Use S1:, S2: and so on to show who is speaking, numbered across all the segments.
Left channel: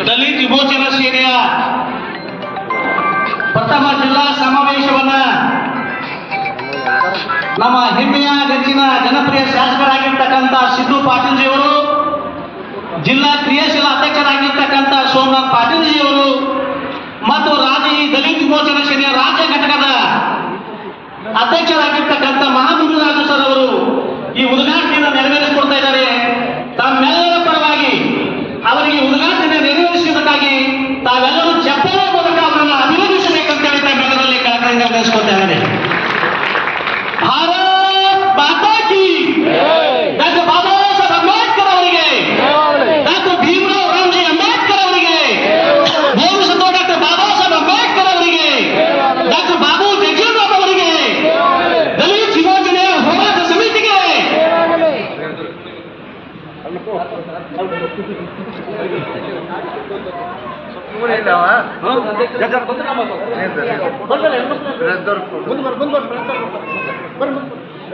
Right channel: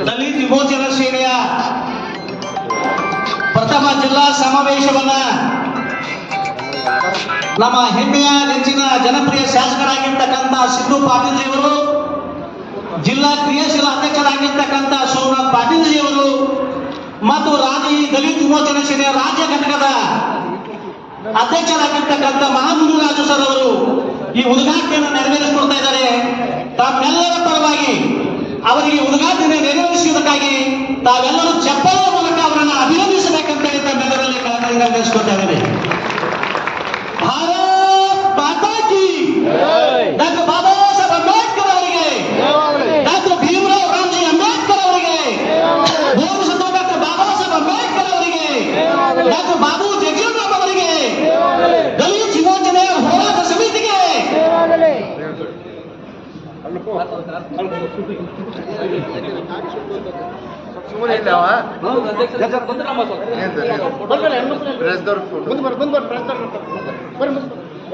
S1: ದಲಿತ ವಿಮೋಚನಾ ಸೇನೆಯ ಪ್ರಥಮ ಜಿಲ್ಲಾ ಸಮಾವೇಶವನ್ನ ನಮ್ಮ ಹೆಮ್ಮೆಯ ನೆಚ್ಚಿನ ಜನಪ್ರಿಯ ಶಾಸಕರಾಗಿರ್ತಕ್ಕಂಥ ಸಿದ್ದು ಪಾಟೀಲ್ಜಿಯವರು, ಜಿಲ್ಲಾ ಕ್ರಿಯಾಶೀಲ ಅಧ್ಯಕ್ಷರಾಗಿರ್ತಕ್ಕಂಥ ಸೋಮನಾಥ್ ಪಾಟೀಲ್ಜಿಯವರು ಮತ್ತು ರಾಜಿ ದಲಿತ ವಿಮೋಚನಾ ಸೇನೆಯ ರಾಜ್ಯ ಘಟಕದ ಅಧ್ಯಕ್ಷರಾಗಿರ್ತಕ್ಕಂಥ ಮಹಾಮುರುರಾಜು ಸರ್ ಅವರು ಈ ಉದ್ಘಾಟನೆ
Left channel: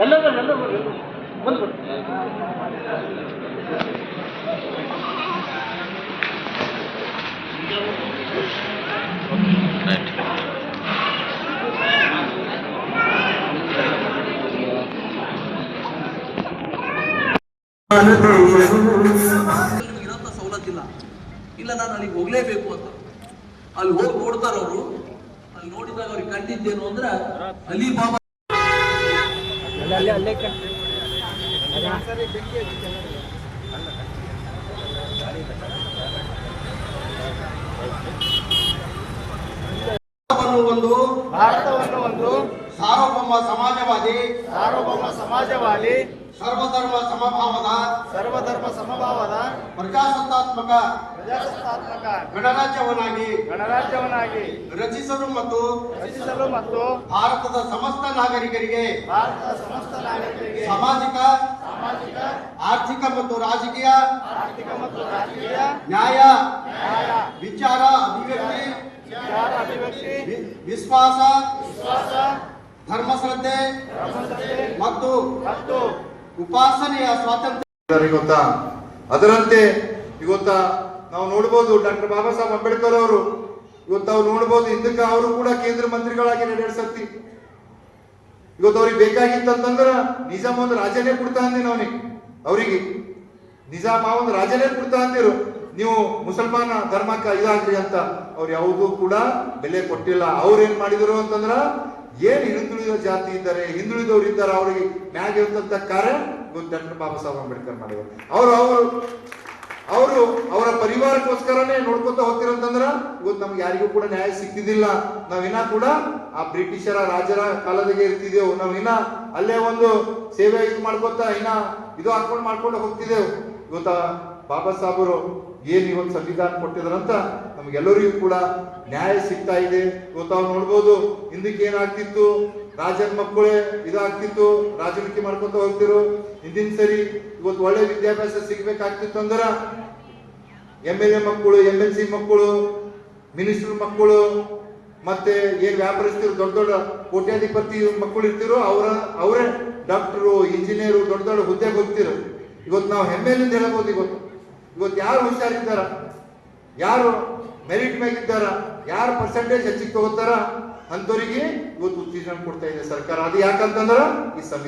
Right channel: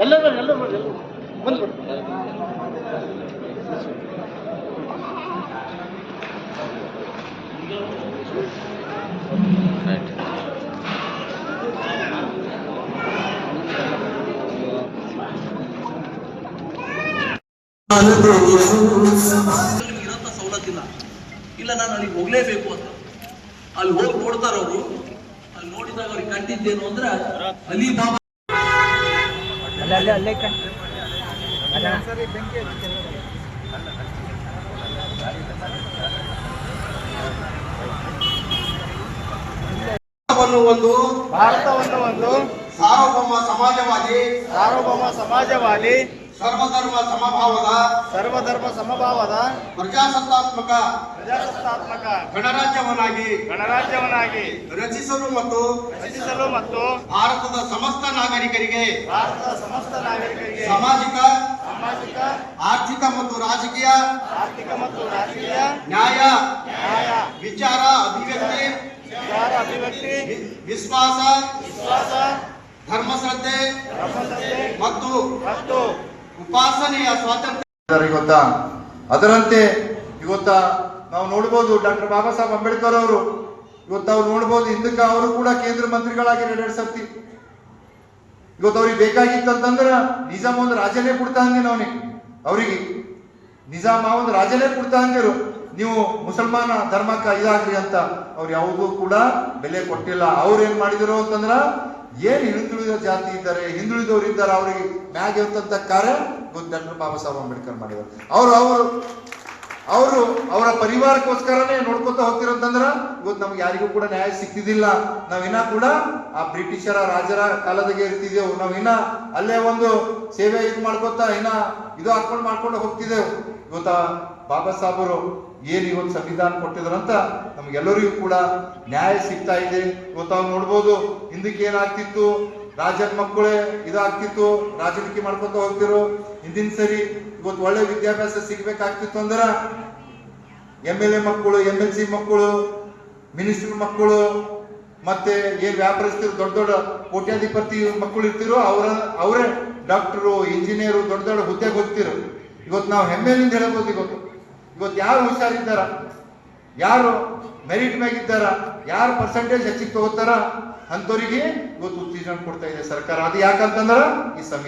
S1: ಎಲ್ಲರೂ ಎಲ್ಲರೂ ಬಂದ್ಬಿಟ್ಟು
S2: ಸವಲತ್ತಿಲ್ಲ ಇಲ್ಲ, ನಾನು ಅಲ್ಲಿಗೆ ಹೋಗ್ಲೇಬೇಕು ಅಂತ. ಅಲ್ಲಿ ಹೋಗಿ ನೋಡ್ತಾರ ಅವರು. ಅಲ್ಲಿ ನೋಡಿದಾಗ ಅವ್ರಿಗೆ ಕಂಡಿದ್ದೇನು ಅಂದ್ರೆ ಅಲಿಬಾಬಾ
S3: ಭಾರತವನ್ನು ಒಂದು
S4: ಭಾರತವನ್ನು ಒಂದು
S3: ಸಾರ್ವಭೌಮ ಸಮಾಜವಾದಿ
S4: ಸಾರ್ವಭೌಮ ಸಮಾಜವಾದಿ
S3: ಸರ್ವಧರ್ಮ ಸಮಭಾವದ
S4: ಸರ್ವಧರ್ಮ ಸಮಭಾವದ
S3: ಪ್ರಜಾಸತ್ತಾತ್ಮಕ
S4: ಪ್ರಜಾಸತ್ತಾತ್ಮಕ
S3: ಗಣರಾಜ್ಯವನ್ನಾಗಿ
S4: ಗಣರಾಜ್ಯವನ್ನಾಗಿ
S3: ರಚಿಸಲು ಮತ್ತು
S4: ರಚಿಸಲು ಮತ್ತು
S3: ಭಾರತದ ಸಮಸ್ತ ನಾಗರಿಕರಿಗೆ
S4: ಭಾರತದ ಸಮಸ್ತ ನಾಗರಿಕರಿಗೆ
S3: ಸಾಮಾಜಿಕ
S4: ಸಾಮಾಜಿಕ
S3: ಆರ್ಥಿಕ ಮತ್ತು ರಾಜಕೀಯ
S4: ಆರ್ಥಿಕ ಮತ್ತು
S3: ವಿಶ್ವಾಸ
S4: ವಿಶ್ವಾಸ
S3: ಧರ್ಮಶ್ರದ್ಧೆ ಮತ್ತು ಉಪಾಸನೆಯ ಸ್ವಾತಂತ್ರ್ಯ.
S5: ಗೊತ್ತಾ ಇವತ್ತ? ಅದರಂತೆ ಇವತ್ತ ನಾವು ನೋಡ್ಬೋದು ಡಾಕ್ಟರ್ ಬಾಬಾ ಸಾಹೇಬ್ ಅಂಬೇಡ್ಕರ್ ಅವರು ಇವತ್ತು ಅವ್ರು ನೋಡ್ಬೋದು ಹಿಂದಕ್ಕೆ ಅವರು ಕೂಡ ಕೇಂದ್ರ ಮಂತ್ರಿಗಳಾಗಿ ಎರಡೆರಡು ಸರ್ತಿ ಇವತ್ತು ಅವ್ರಿಗೆ ಬೇಕಾಗಿತ್ತಂತಂದ್ರ ನಿಜಾಮ ಒಂದು ರಾಜನೇ ಕೊಡ್ತಾ ಅಂದಿನ ಅವನಿಗೆ ಅವರಿಗೆ ನಿಜಾಮ ಒಂದು ರಾಜನೇ ಕೊಡ್ತಾ ಅಂದಿರು. ನೀವು ಮುಸಲ್ಮಾನ ಧರ್ಮಕ್ಕೆ ಇದಾಗ್ರಿ ಅಂತ ಅವ್ರು ಯಾವುದೂ ಕೂಡ ಬೆಲೆ ಕೊಟ್ಟಿಲ್ಲ. ಅವ್ರು ಏನ್ ಮಾಡಿದ್ರು ಅಂತಂದ್ರ ಏನ್ ಹಿಂದುಳಿದ ಜಾತಿ ಇದ್ದಾರೆ, ಹಿಂದುಳಿದವ್ರು ಇದ್ದಾರೆ, ಅವ್ರಿಗೆ ಮ್ಯಾಗ ಇರ್ತಂತ ಕಾರ್ಯ ಡಾಕ್ಟರ್ ಬಾಬಾ ಸಾಹೇಬ್ ಅಂಬೇಡ್ಕರ್ ಮಾಡಿದ್ರು. ಅವ್ರು ಅವರು ಅವರು ಅವರ ಪರಿವಾರಕ್ಕೋಸ್ಕರನೇ ನೋಡ್ಕೊತ ಹೋಗ್ತಿರೋಂತಂದ್ರ ಇವತ್ತು ನಮ್ಗೆ ಯಾರಿಗೂ ಕೂಡ ನ್ಯಾಯ ಸಿಕ್ತಿದ್ದಿಲ್ಲ ನಾವಿನ್ನ ಕೂಡ ಆ ಬ್ರಿಟಿಷರ ರಾಜರ ಕಾಲದಾಗೆ ಇರ್ತಿದ್ದೆವು ನಾವಿನ್ನ ಅಲ್ಲೇ ಒಂದು ಸೇವೆ ಇದು ಮಾಡ್ಕೊತ, ಇನ್ನ ಇದು ಹಾಕೊಂಡು ಮಾಡ್ಕೊಂಡು ಹೋಗ್ತಿದ್ದೆವು ಇವತ್ತ ಬಾಬಾ ಸಾಹೇಬರು ಏನ್ ಇವತ್ತು ಸಂವಿಧಾನ ಕೊಟ್ಟಿದ್ರಂತ ನಮಗೆಲ್ಲರಿಗೂ ಕೂಡ ನ್ಯಾಯ ಸಿಗ್ತಾ ಇದೆ. ಇವತ್ತು ನೋಡ್ಬೋದು, ಹಿಂದಕ್ಕೆ ಏನಾಗ್ತಿತ್ತು? ರಾಜನ ಮಕ್ಕಳೇ ಇದಾಗ್ತಿತ್ತು ರಾಜಕೀಯ ಮಾಡ್ಕೊತ ಹೋಗ್ತಿರು ಹಿಂದಿನ ಸರಿ ಇವತ್ತು ಒಳ್ಳೆ ವಿದ್ಯಾಭ್ಯಾಸ ಸಿಗ್ಬೇಕಾಗ್ತಿತ್ತು ಅಂದ್ರ ಎಂ ಎಲ್ ಎ ಮಕ್ಕಳು, ಎಂ ಎಲ್ ಸಿ ಮಕ್ಕಳು, ಮಿನಿಸ್ಟರ್ ಮಕ್ಕಳು, ಮತ್ತೆ ಏನ್ ವ್ಯಾಪಾರಸ್ಥರು ದೊಡ್ಡ ದೊಡ್ಡ ಕೋಟ್ಯಾಧಿಪತಿ ಮಕ್ಕಳು ಇರ್ತಿರೋ ಅವರ, ಅವರೇ ಡಾಕ್ಟರು, ಇಂಜಿನಿಯರು ದೊಡ್ಡ ದೊಡ್ಡ ಹುದ್ದೆಗೆ ಹೋಗ್ತಿರು ಇವತ್ತು ನಾವು ಹೆಮ್ಮೆಲಿಂದ ಹೇಳ್ಬೋದು ಇವತ್ತು. ಇವತ್ತು ಯಾರು ಹುಷಾರಿದ್ದಾರ? ಯಾರು ಮೆರಿಟ್ ಮ್ಯಾಗಿದ್ದಾರ? ಯಾರು ಪರ್ಸೆಂಟೇಜ್ ಹೆಚ್ಚಿಗೆ ತಗೋತಾರ? ಅಂಥವ್ರಿಗೆ ಇವತ್ತು ಉತ್ತೇಜನ ಕೊಡ್ತಾ ಇದೆ ಸರ್ಕಾರ. ಅದು ಯಾಕಂತಂದ್ರ ಈ ಸಂವಿಧಾನ